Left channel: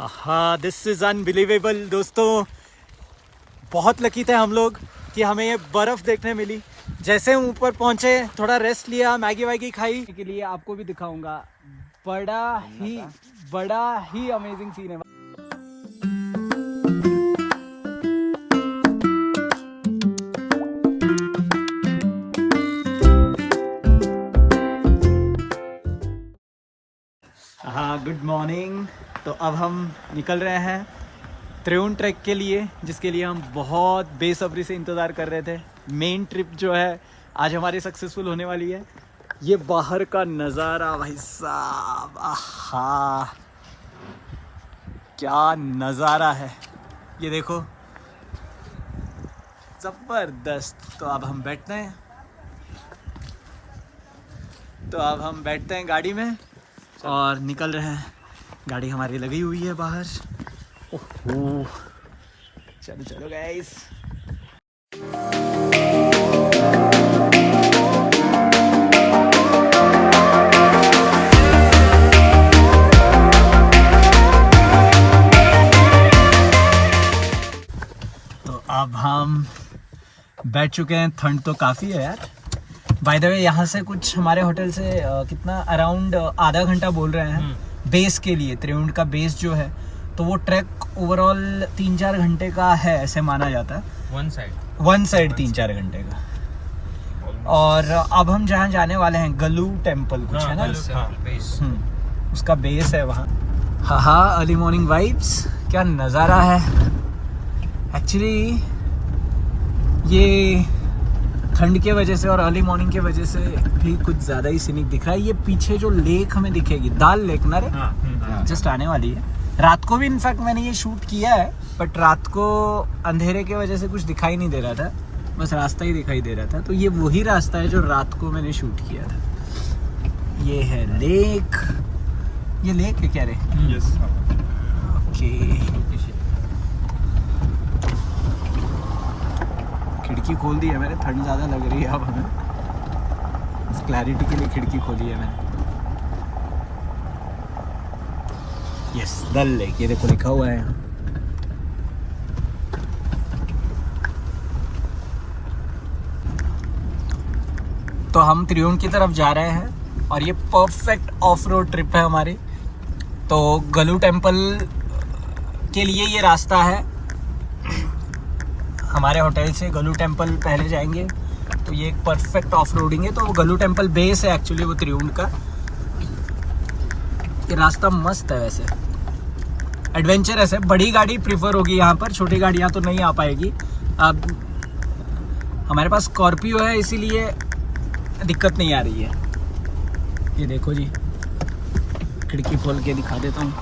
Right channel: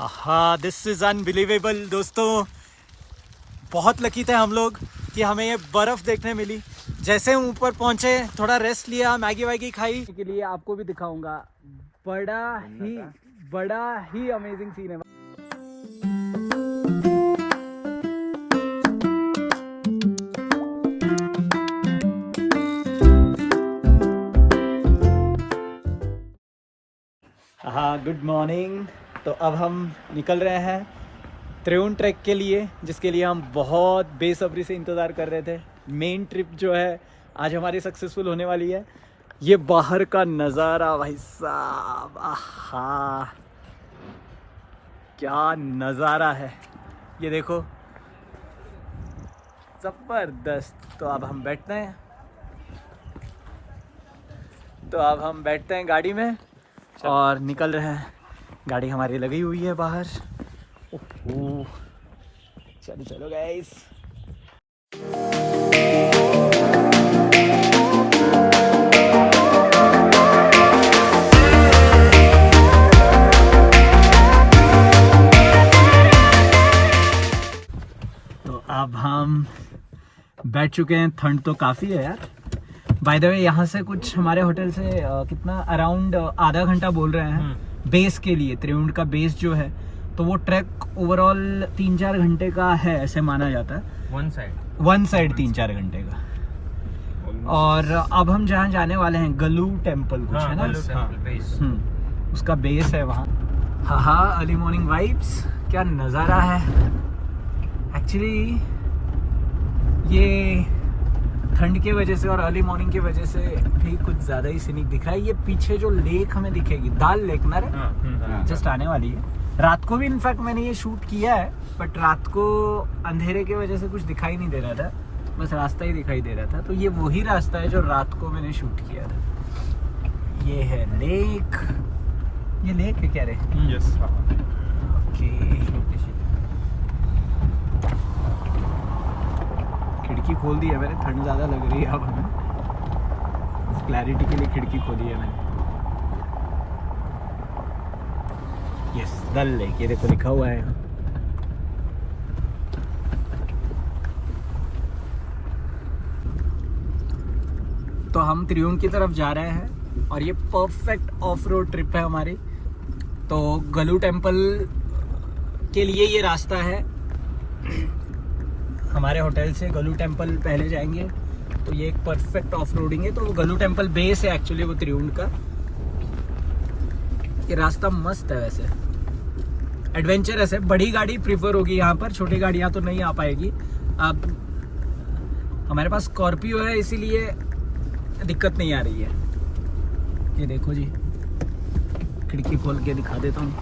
हाँ, this is unbelievable दोस्तों। बहुत लकी थे हम लोग कि हमें ये बर्फ़ देखने मिली। जैसे ऊपर पहुँचे, थोड़ा रेस्ट लिया, मैगी वैगी खाई के लिए आपको भी दिखाऊंगा। बड़ा ही अमेजिंग सीन है। हाँ, गुड मॉर्निंग। तो अब हम निकल रहे हैं त्रिउन ट्रैक के लिए, जिसके लिए हम बहुत बेसब्री से इंतज़ार कर रहे थे। मेन ट्रिप जो है आज हमारी सक्सेसफुल होने वाली है। ये बाहर का नज़ारा भाई साहब, आहा क्या नज़ारा है, ये देखो, ज़बरदस्त। तो अब हम बैठते हैं गाड़ी में और निकल रहे हैं। गाड़ी हमारी लगी हुई है बाहर। ओह, चलो चलो गाइस। तो अब हम बैठ चुके हैं। ठंड तो काफ़ी है यार। बाय द वे, यहाँ से कुछ हमारे होटल से कितना अराउंड आधा घंटा बोल रहे हैं बेस के लिए। त्रिउंड का बेस जो है, तो वो ट्रैक ओवरऑल 3-4 घंटे का है, ऐसे माना जाता है। वन साइड 3-4 घंटे का। और अब हम जहाँ जाने वाले हैं, गलू टेम्पल कुछ है ना, उसका बेस है वहाँ। हाँ, अर्ली मॉर्निंग वाइब्स, क्या नज़ारा है। एक्चुअली ये ठंड के वजह से और अर्ली मॉर्निंग के वजह से भी कुछ ज़्यादा ही सीनिक दिख रहा है। ये पीछे जो लेक हमें दिखेगी, दाल लेक ना रे, जस्ट आने वाली है। रात को भी इनफैक्ट मैंने ये शूट किया है, बट रात को अंधेरे के वजह से कुछ दिखाई नहीं दे रहा था, बस रास्ता ही दिखाई दे रहा था। तो ये वही रास्ता है जो रात को मैंने शूट किया था। ये है लेक। ये लेक है क्या रे? ओके, खिड़की खोल दी है मैंने, ठंड ज़्यादा लग रही है अब हमें। बस क्लैरिटी के लिए खिड़की खोली है मैंने। यस, दल लेक, ये देखो लिखा हुआ है यहाँ। तो हम त्रिउंड की तरफ जा रहे हैं और ये परफेक्ट ऑफ रोड ट्रिप है हमारी। तो गलू टेम्पल के लिए ये रास्ता है। हमारे होटल से गलू टेम्पल पहले जाएंगे, तो ये एक परफेक्ट ऑफ रोडिंग है। तो वो गलू टेम्पल बेस है एक्चुअली, वो त्रिउंड का। ये रास्ता मस्त है वैसे, एडवेंचरस है। बड़ी गाड़ी प्रीफर होगी यहाँ पर, छोटी गाड़ियाँ तो नहीं आ पाएगी। अब हमारे पास स्कॉर्पियो है, इसीलिए दिक्कत नहीं आ रही है। ये देखो जी, खिड़की खोल के दिखा देता हूँ।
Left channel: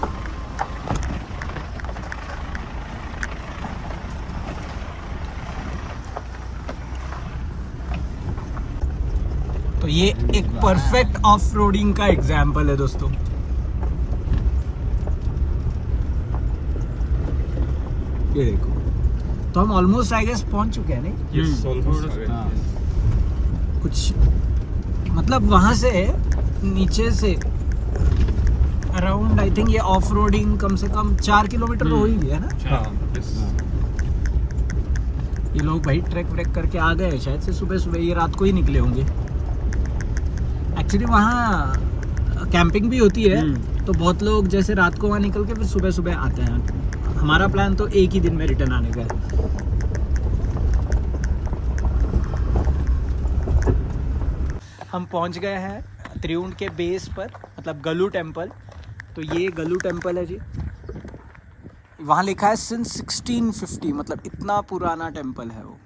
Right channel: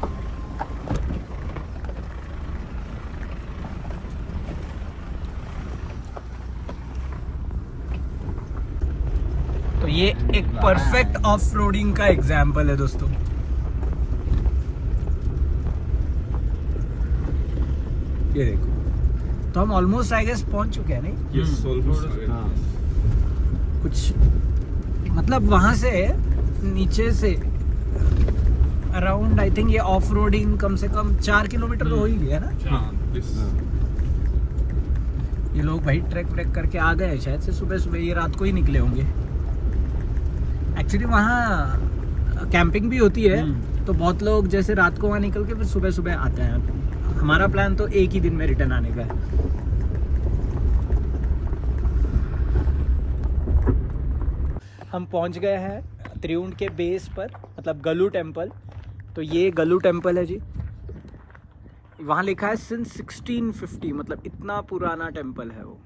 तो ये एक परफेक्ट ऑफ रोडिंग का एग्जाम्पल है दोस्तों। ये देखो, तो हम ऑलमोस्ट आई गेस पहुंच चुके हैं, नहीं? हाँ, कुछ मतलब वहां से नीचे से अराउंड आई थिंक ये ऑफ रोडिंग कम से कम 4 किलोमीटर हो ही गया ना। ये लोग भाई ट्रैक करके आ गए शायद से सुबह सुबह, ये रात को ही निकले होंगे। एक्चुअली वहाँ कैंपिंग भी होती है, तो बहुत लोग जैसे रात को वहाँ निकल के फिर सुबह सुबह आते हैं। हमारा प्लान तो एक ही दिन में रिटर्न आने का है। हम पहुँच गए हैं त्रिउंड के बेस पर, मतलब गलू टेम्पल। तो ये गलू टेम्पल है जी। वहाँ लिखा है सिंस 1650, मतलब इतना पुराना टेम्पल है वो।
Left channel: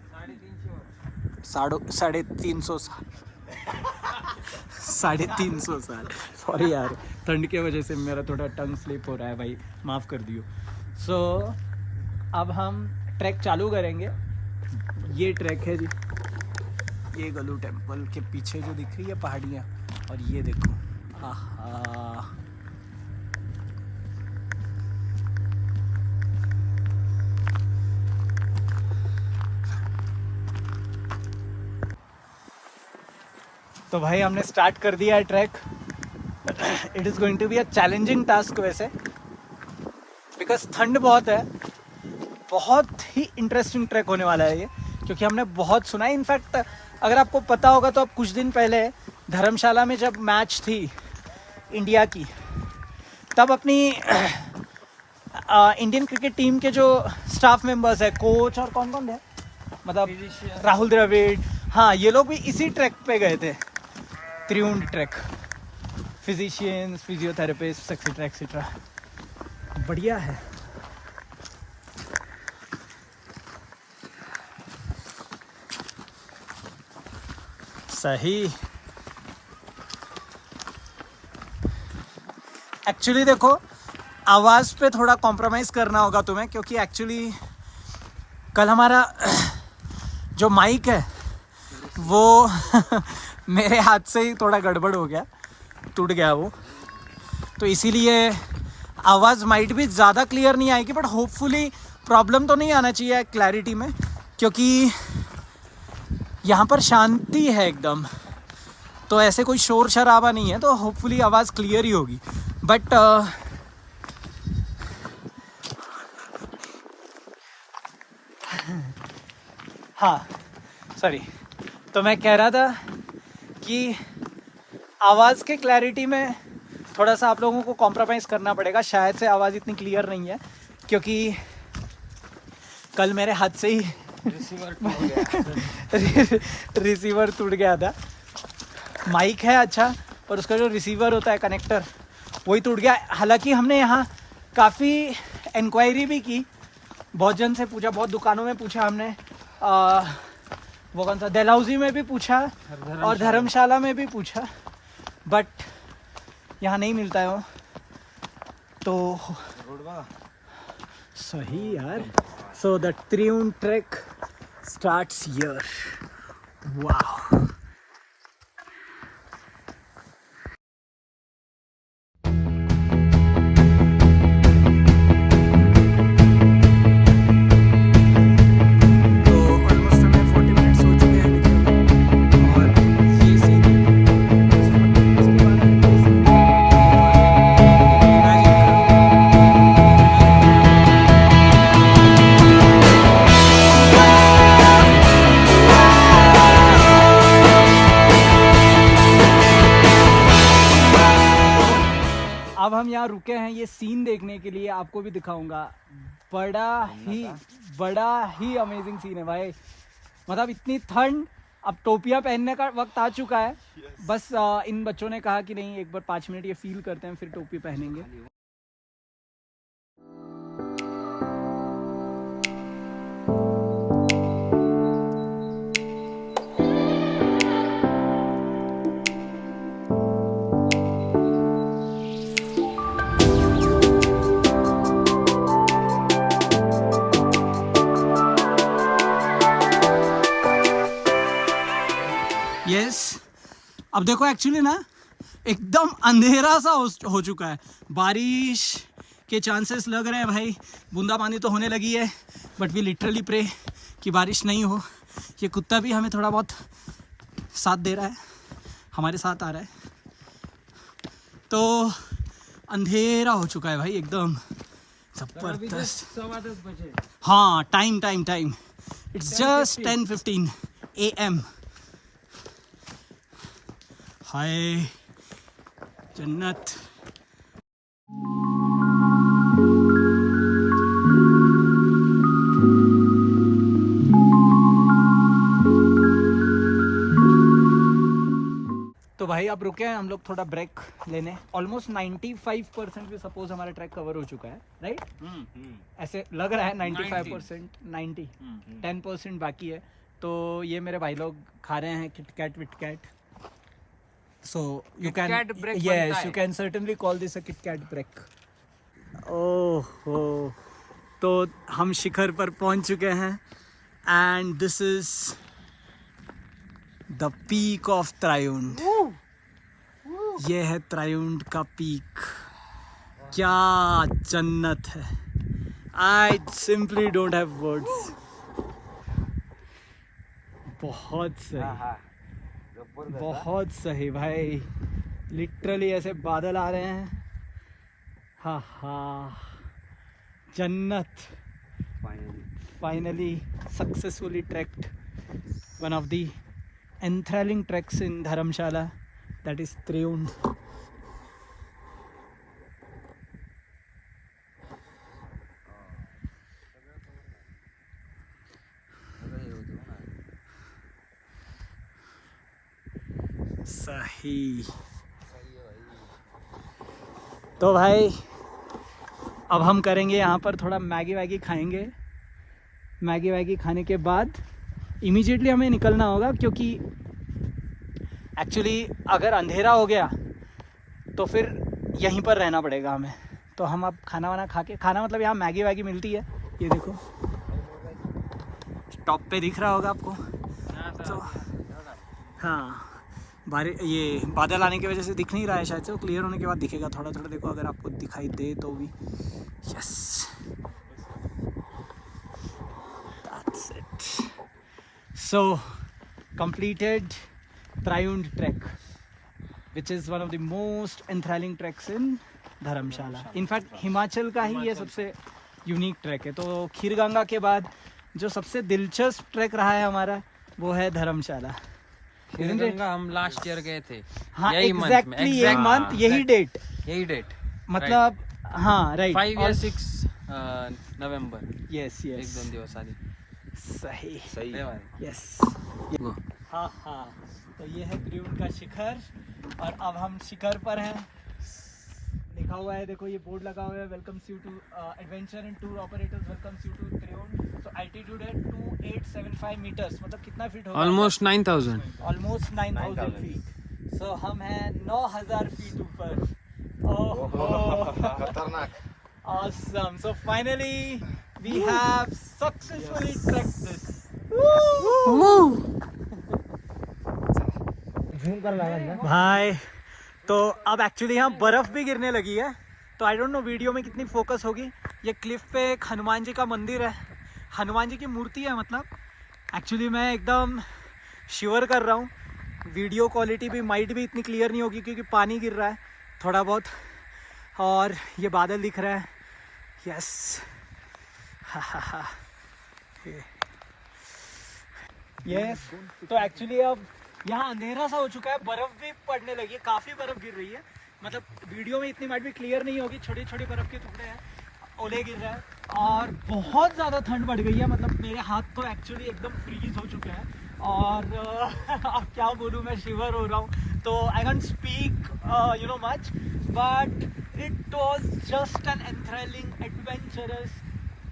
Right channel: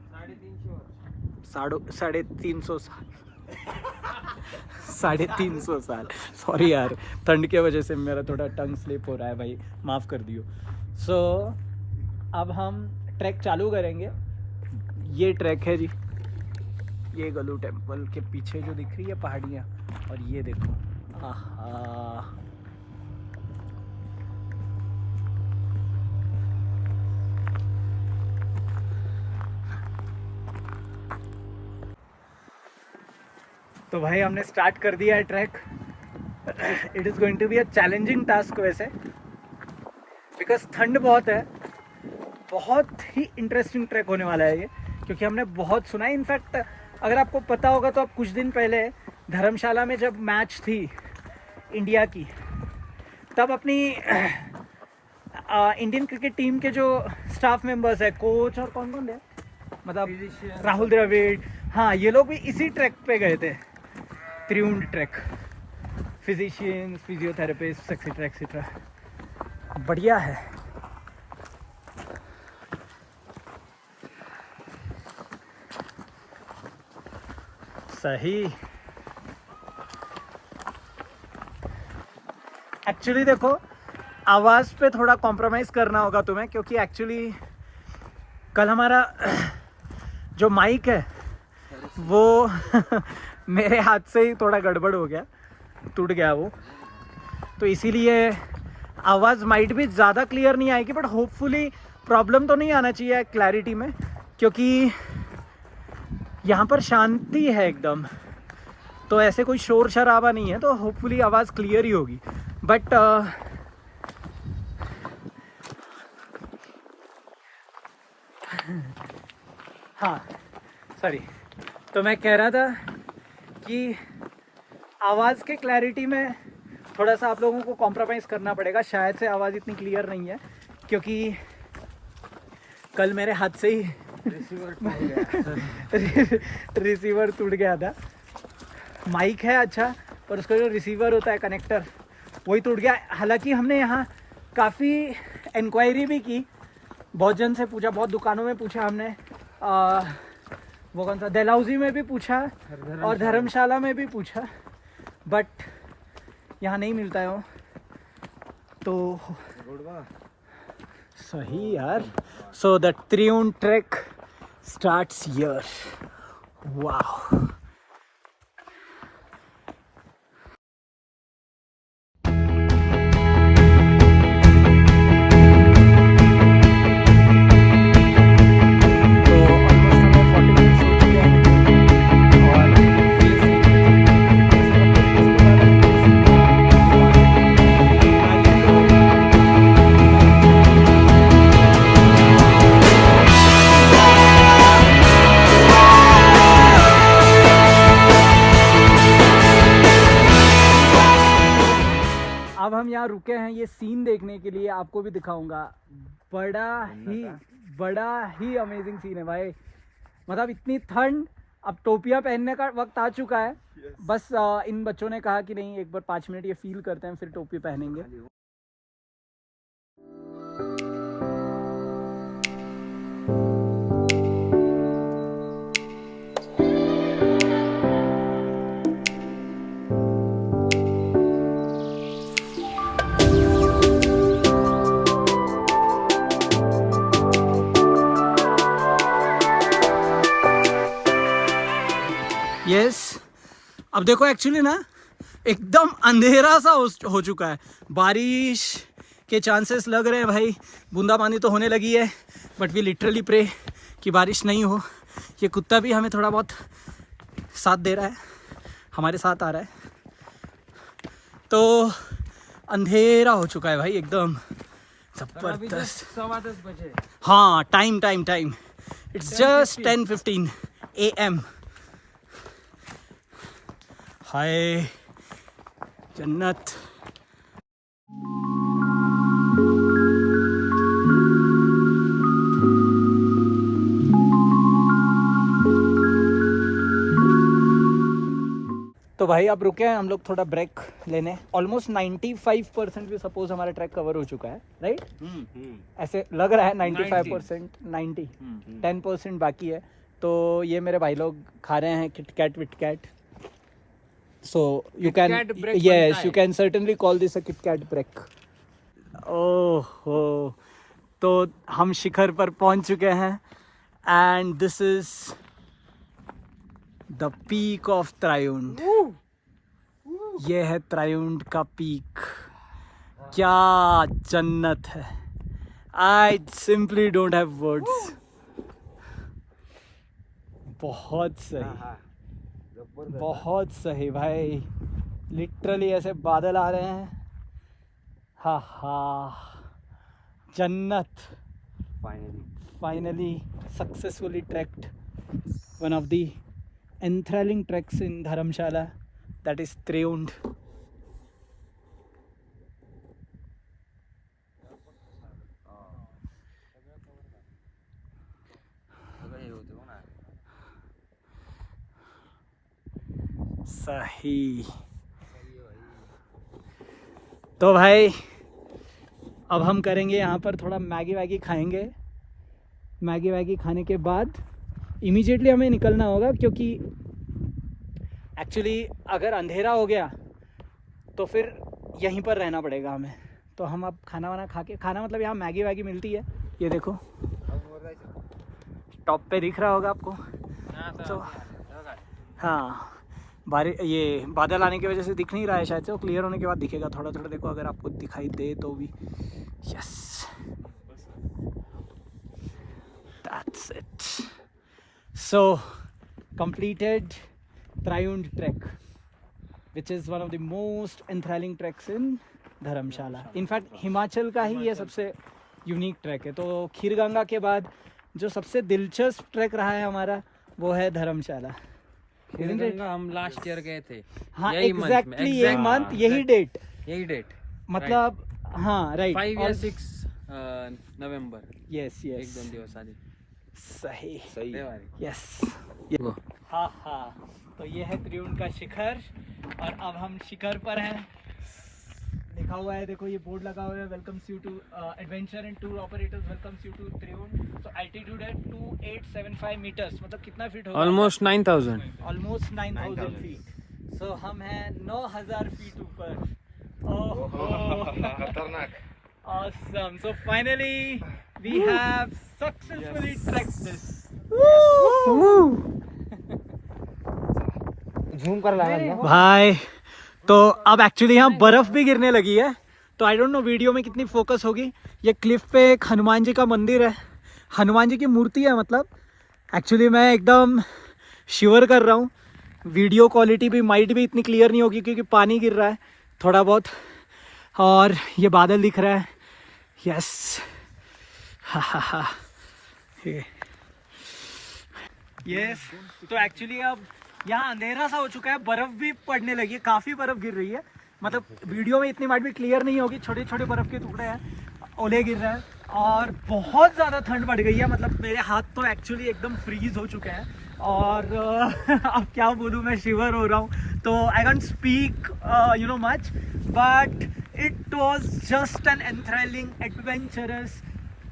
350 साल 350 साल। सॉरी यार, ठंड के वजह से मेरा थोड़ा टंग स्लिप हो रहा है भाई, माफ़ कर दियो। सो अब हम ट्रैक चालू करेंगे। ये ट्रैक है जी, ये गलू टेम्पल के पीछे जो दिख रही है पहाड़ियाँ, और ये देखो, आहा। तो भाई हमने स्टार्ट कर दिया है track. It is going to be a challenging task वैसे, बिकॉज ठंड बहुत है। बहुत ही इंटरेस्टिंग ट्रैक होने वाला है ये, क्योंकि हमने बहुत सुना है। इनफैक्ट अगर आपको पता होगा तो अब कुछ दिन पहले धर्मशाला में जब मैच थी इंडिया की, तब अपनी इंडियन क्रिकेट टीम के जो स्टाफ मेंबर्स है, कोच और कौन कौन है, मतलब राहुल द्रविड़, हाँ, ये लोग भी इसी ट्रैक पे गए थे, Triund track. Physicians, physiotherapist, etcetera etcetera. बढ़िया है। सही। एक्चुअली देखो, आवाज़ पे थोड़ा कॉम्प्रोमाइज़ करना होगा तुम्हें, क्योंकि एक्चुअली कल हमारा जो माइक है वो मेरे हाथ से ही थोड़ा गड़बड़ हो गया, टूट गया वो, तो इसीलिए आवाज़ माइट भी ज़्यादा क्लियर नहीं आएगी, बट होपफुली प्रॉब्लम तो नहीं आना चाहिए क्लैरिटी में, क्योंकि यहाँ पर शांति है एकदम, तो ऐसे कोई शोर शराबा नहीं है, तो होपफुली आवाज़ क्लियर ही होगी। बट हाँ, सॉरी, तो मैं कह रहा था कि आवाज़ के क्लैरिटी में थोड़ा सा आप लोगों को कॉम्प्रोमाइज़ करना पड़ेगा। शायद से आवाज़ इतनी क्लियर नहीं है, क्योंकि कल मेरे हाथ से ही रिसीवर टूट गया था। माइक है अच्छा, और उसका जो रिसीवर होता है कनेक्टर, वही टूट गया। हालांकि हमने यहाँ काफ़ी इंक्वायरी भी की, बहुत जन से पूछा, बहुत दुकानों में पूछा हमने, वो कौन सा, डलहौजी में भी पूछा और धर्मशाला में भी पूछा, बट यहाँ नहीं मिलता है वो। तो सही यार। So the Triund track starts here. वाह। अब हम यहाँ रुके हैं ये सीन देखने के लिए, आपको भी दिखाऊंगा। बड़ा ही अमेजिंग सीन है भाई। मतलब इतनी ठंड, अब टोपियाँ पहनने का वक्त आ चुका है। बस इन बच्चों ने कहा कि नहीं, एक बार 5 मिनट ये फील करते हैं, फिर टोपी पहनेंगे। यस, अब देखो एक्चुअली ना एकदम अंधेरा सा हो चुका है। बारिश के चांसेस लग रहे हैं भाई, बूंदाबांदी तो होने लगी है, बट वी लिटरली प्रे कि बारिश नहीं हो। ये कुत्ता भी हमें थोड़ा बहुत साथ दे रहा है, हमारे साथ आ रहा है। तो अंधेरा हो चुका है भाई एकदम जबरदस्त। 10:15 बजे। हाँ, टाइम इट्स जस्ट 10:15 AM। हाय जन्नत। तो भाई अब रुके हैं हम लोग थोड़ा ब्रेक लेने। ऑलमोस्ट 95% भी सपोज हमारा ट्रैक कवर हो चुका है, राइट? ऐसे लग रहा है 95%, 90, 10% बाकी है। तो ये मेरे भाई लोग खा रहे हैं KitKat विटकैट। So you can, yes, you can certainly call this a KitKat break. Oh, तो हम शिखर पर पहुंच चुके हैं, and this is the peak of Triund. ये है Triund का पीक। क्या जन्नत है। I simply don't have words. बहुत सही, बहुत सही भाई। लिटरली ऐसे बादल आ रहे हैं। हा हा, जन्नत. Finally successfully trekked one of the enthralling treks in Dharamshala, that is Triund. सही. तो भाई अब हम करेंगे यहाँ पर थोड़ा मैगी वैगी खाएंगे. मैगी वैगी खाने के बाद इमीडिएटली हमें निकलना होगा, क्योंकि एक्चुअली अगर अंधेरा हो गया तो फिर यहीं पर रहना पड़ेगा हमें. तो हम अब खाना वाना खा के, खाना मतलब यहाँ मैगी वैगी मिलती है, ये देखो टॉप पे दिख रहा होगा आपको. तो हाँ, ये बादल आने की वजह से दिख नहीं रहा है शायद से, वो क्लियर होने के बाद दिखेगा थोड़ा थोड़ा. देखो अगर आपको दिखाई दे तो भी. Yes, that's it. So completed Triund trek, which is one of the most enthralling treks in Dharamshala. In fact Himachal का ही ये सबसे यूनिक ट्रैक है. तो खीरगंगा के बाद जो सबसे दिलचस्प ट्रैक रहा है हमारा वो है धर्मशाला. हम लास्ट ईयर गए थे. हाँ, एग्जैक्टली यही मंथ, यही डेट मतलब. हाँ राइट, 5 या 6 नवंबर. यस यस, 1-2 दिवस आधी. सही. यस. हाँ हाँ, तो ये है त्रिउंड का शिखर और अब हम शिखर पर हैं. लिखा हुआ है, देखो ये बोर्ड लगा हुआ है, welcomes you to adventure and tour operators welcomes you to Triund. तो एल्टीट्यूड है 2875 मीटर्स, मतलब कितना फीट होगा? ऑलमोस्ट 9000. Almost 9000 feet. सो हम हैं 9000 फीट ऊपर. खतरनाक. Awesome. So finally we have successfully trekked this. झूम कर लाया भाई. तो अब एक्चुअली यहाँ बर्फ़ भी गिरने लगी है. तो आई डोंट नो वीडियो में कितनी फोकस होगी. ये क्लिफ पे एक हनुमान जी का मंदिर है, हनुमान जी की मूर्ति है. मतलब एक्चुअली मैं एकदम शिवर कर रहा हूँ. वीडियो क्वालिटी भी माइट भी इतनी क्लियर नहीं होगी क्योंकि पानी गिर रहा है थोड़ा बहुत और ये बादल दिख रहा है. यस. हा हा हा. यस. तो एक्चुअली अब यहाँ अंधेरा सा हो चुका है, बर्फ़ भी पड़ने लगी है, काफ़ी बर्फ़ गिर रही है. मतलब वीडियो में इतनी माइट भी क्लियर नहीं होगी, छोटे छोटे बर्फ़ के टुकड़े हैं, ओले गिर रहे हैं और बहुत ज़्यादा ठंड बढ़ गई है. मतलब मेरे हाथ तो एक्चुअली एकदम फ्रीज हो चुके हैं और अब क्या बोलूँ, मैं शिवर हो रहा हूँ. तो I can't speak you know much, but it was just an enthralling, adventurous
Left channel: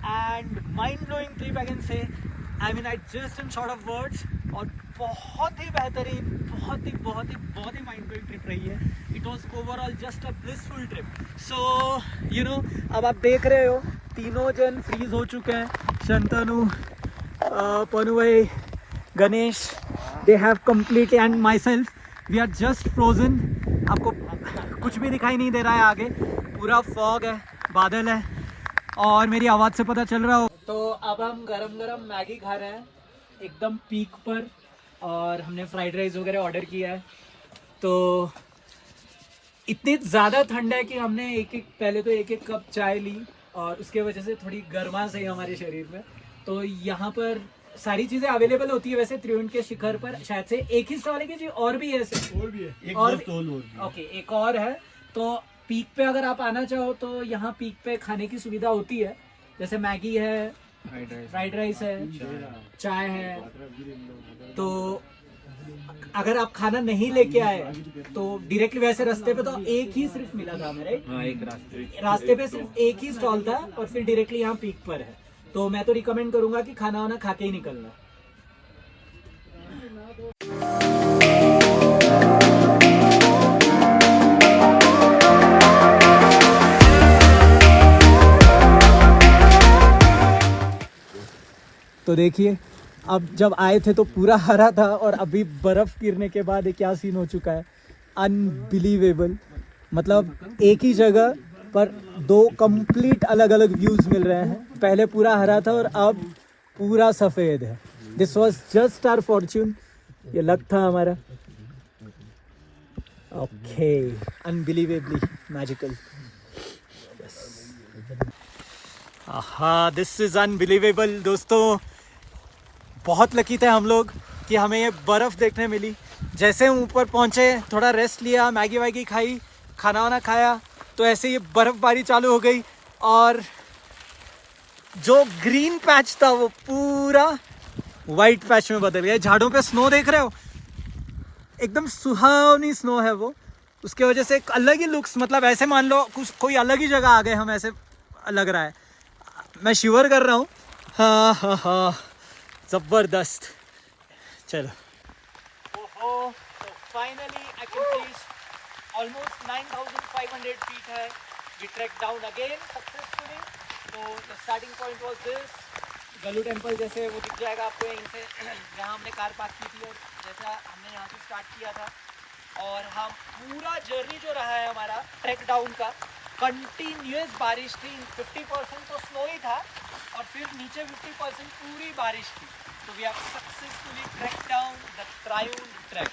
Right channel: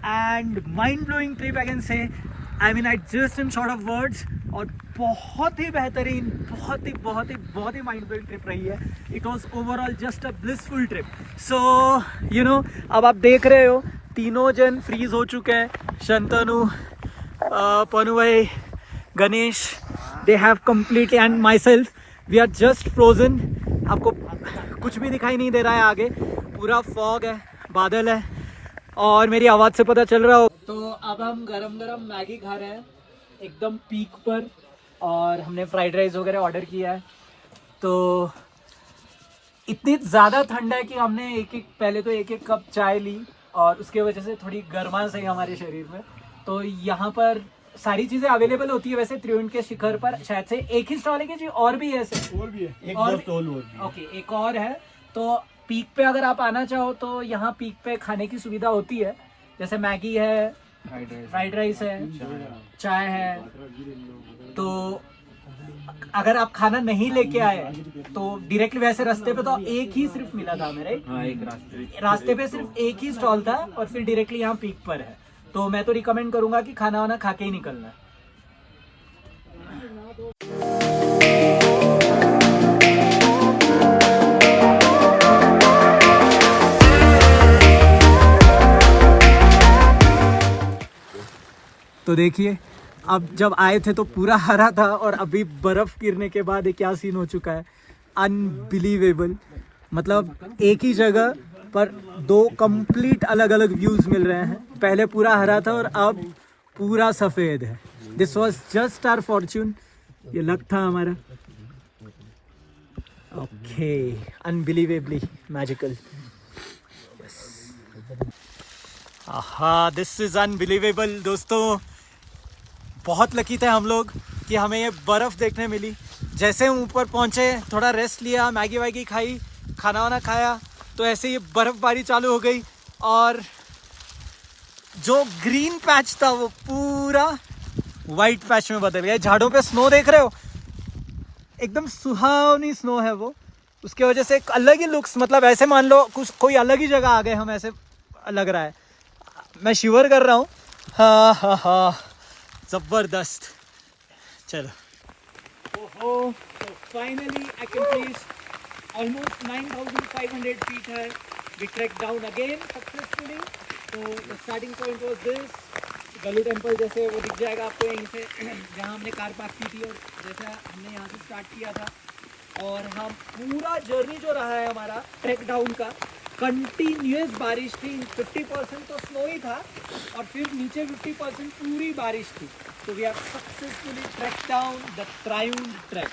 and mind blowing trip I can say. I mean I just in short of words. और बहुत ही बेहतरीन, बहुत ही माइंड ब्लोइंग ट्रिप रही है. It was overall just a blissful trip. So you know, अब आप देख रहे हो तीनों जन फ्रीज हो चुके हैं. शंतनु, पनु भाई, Ganesh, they have completely, and myself, we are just frozen. आपको कुछ भी दिखाई नहीं दे रहा है आगे, पूरा फॉग है, बादल है और मेरी आवाज़ से पता चल रहा हो. तो अब हम गरम गरम मैगी खा रहे हैं एकदम पीक पर और हमने फ्राइड राइस वगैरह ऑर्डर किया है. तो इतनी ज़्यादा ठंड है कि हमने पहले तो एक कप चाय ली और उसके वजह से थोड़ी गर्माश है हमारे शरीर में. तो यहाँ पर सारी चीज़ें अवेलेबल होती है वैसे त्रिउंड के शिखर पर. शायद से एक ही स्टॉल है कि जी और भी है ऐसे? और भी है, एक स्टॉल और भी है. ओके, एक और है. तो पीक पे अगर आप आना चाहो तो यहाँ पीक पे खाने की सुविधा होती है, जैसे मैगी है, फ्राइड राइस है, चाय है. तो अगर आप खाना नहीं लेके आए तो डायरेक्टली वैसे रास्ते पे तो एक ही सिर्फ मिला था हमें, राइट? हाँ, एक रास्ते पे सिर्फ एक ही स्टॉल था और फिर डायरेक्टली यहाँ पीक पर है. तो मैं तो रिकमेंड करूंगा कि खाना वाना खा के ही निकलना. तो देखिए, अब जब आए थे तो पूरा हरा था और अभी बर्फ गिरने के बाद ये क्या सीन हो चुका है. अनबिलीवेबल. मतलब एक ही जगह पर दो कंप्लीट अलग अलग व्यूज मिल रहे हैं. पहले पूरा हरा था और अब पूरा सफेद है. This was just our fortune. ये लक था हमारा. Okay, unbelievably magical. हाँ, दिस इज अनबिलीवेबल दोस्तों। बहुत लकी थे हम लोग कि हमें ये बर्फ़ देखने मिली। जैसे हम ऊपर पहुँचे, थोड़ा रेस्ट लिया, मैगी वैगी खाई, खाना वाना खाया, तो ऐसे ही बर्फ़बारी चालू हो गई और जो ग्रीन पैच था वो पूरा वाइट पैच में बदल गया। झाड़ों पे स्नो देख रहे हो, एकदम सुहावनी स्नो है वो। उसके वजह से एक अलग ही लुक्स, मतलब ऐसे मान लो कुछ कोई अलग ही जगह आ गए हम, ऐसे लग रहा है। मैं शिवर कर रहा हूँ। हाँ हाँ हाँ, जबरदस्त। चलो, ओहो, so finally accomplished almost 9,500 feet है। We trekked down again successfully. So the starting point was this. Galu temple जैसे वो दिख जाएगा आपको यहीं से, जहाँ हमने कार पार्क की थी और जैसा हमने यहाँ से स्टार्ट किया था। और हम पूरा जर्नी जो रहा है हमारा ट्रैक डाउन का, कंटिन्यूस बारिश थी। 50% तो स्नो ही था और फिर नीचे 50% पूरी बारिश थी। तो we have successfully track down the Triund track.